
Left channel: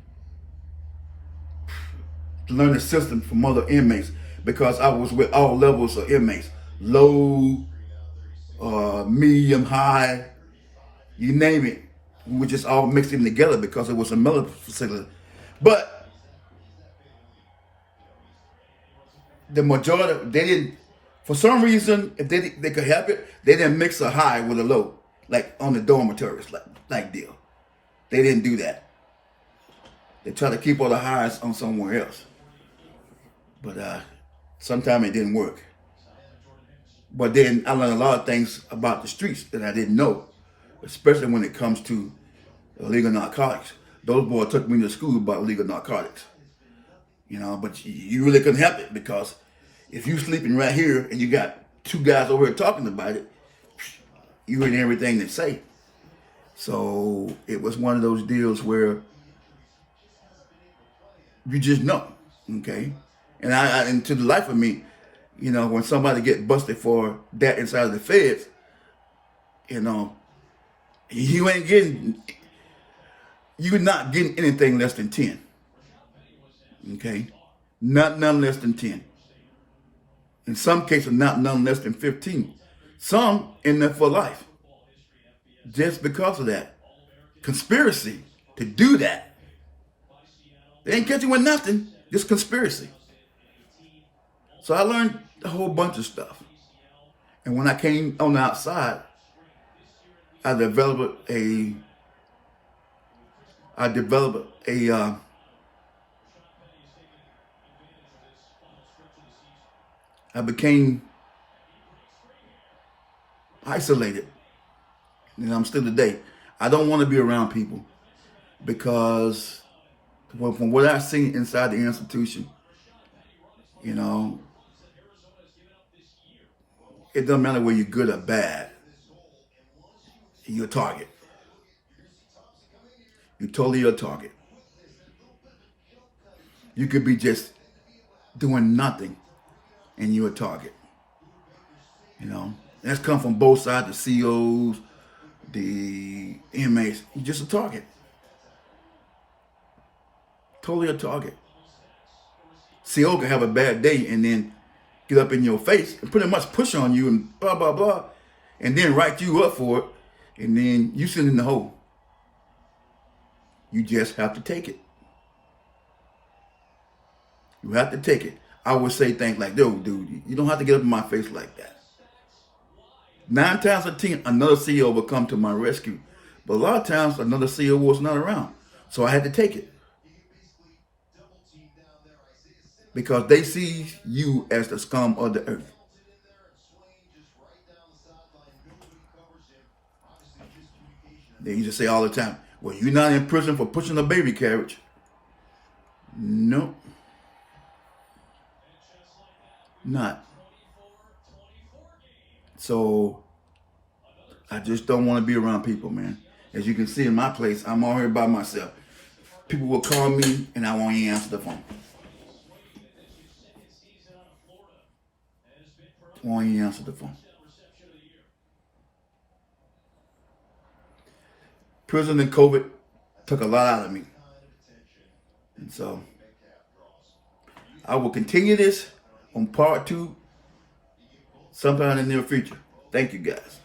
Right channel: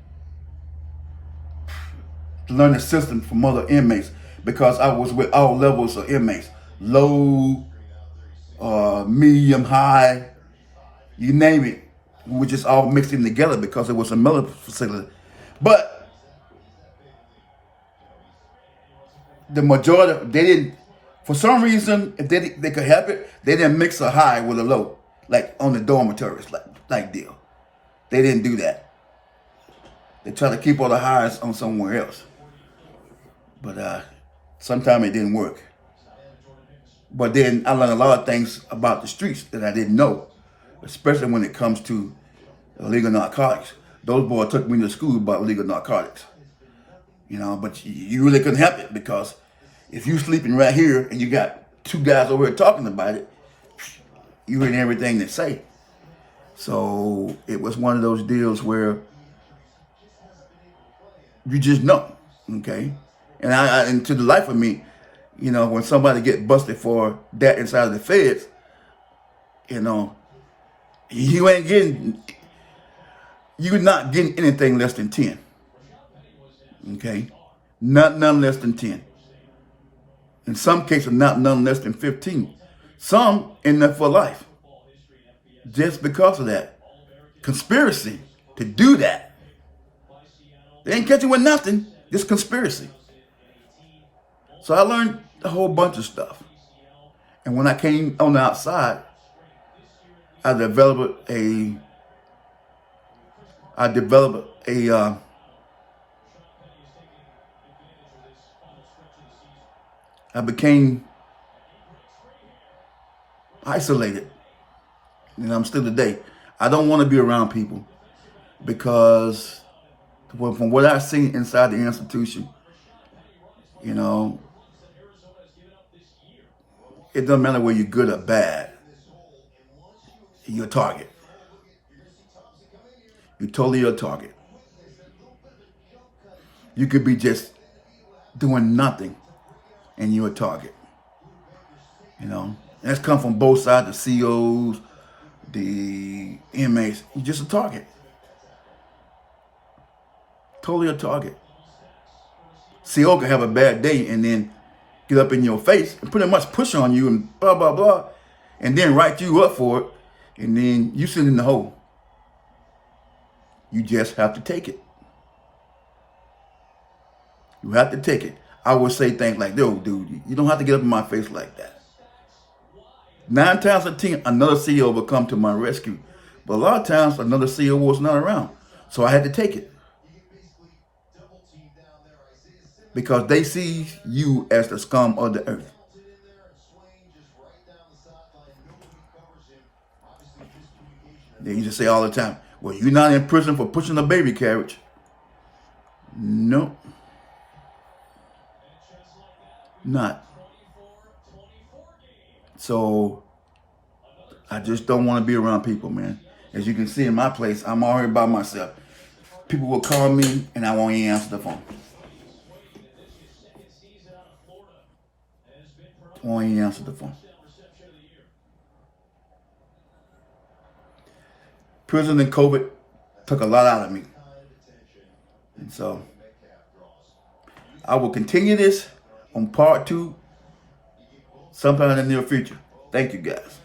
learn the system from other inmates, because I was with all levels of inmates, low, medium, high, you name it. We were just all mixed in together because it was a military facility. But the majority, they didn't, for some reason, if they could help it, they didn't mix a high with a low, like on the dormitories, like deal. They didn't do that. They tried to keep all the highs on somewhere else. But sometimes it didn't work. But then I learned a lot of things about the streets that I didn't know, especially when it comes to illegal narcotics. Those boys took me to school about illegal narcotics. You know, but you really couldn't help it, because if you sleeping right here and you got two guys over here talking about it, you heard everything they say. So it was one of those deals where you just know, okay? And to the life of me, you know, when somebody get busted for that inside of the feds, you know, you're not getting anything less than 10. Okay? None less than 10. In some cases, none less than 15. Some in there for life. Just because of that. Conspiracy to do that. They ain't catch you with nothing. Just conspiracy. So I learned a whole bunch of stuff. And when I came on the outside, I developed a I became isolated. And I'm still today. I don't want to be around people, because from what I've seen inside the institution, you know, it doesn't matter whether you're good or bad. You're a target. You're totally a target. You could be just doing nothing and you're a target. You know, and that's come from both sides, the COs, the inmates. You're just a target. Totally a target. CO can have a bad day and then get up in your face and pretty much push on you and blah, blah, blah, and then write you up for it, and then you sit in the hole. You just have to take it. You have to take it. I would say things like, yo, dude, you don't have to get up in my face like that. 9 times out of 10, another CEO will come to my rescue. But a lot of times, another CEO was not around. So I had to take it. Because they see you as the scum of the earth. They used to say all the time, well, you're not in prison for pushing a baby carriage. No. Not. So I just don't want to be around people, man. As you can see in my place, I'm already by myself. People will call me and I won't even answer the phone. Won't even answer the phone. Prison and COVID took a lot out of me. And so I will continue this on part 2 sometime in the near future. Thank you, guys.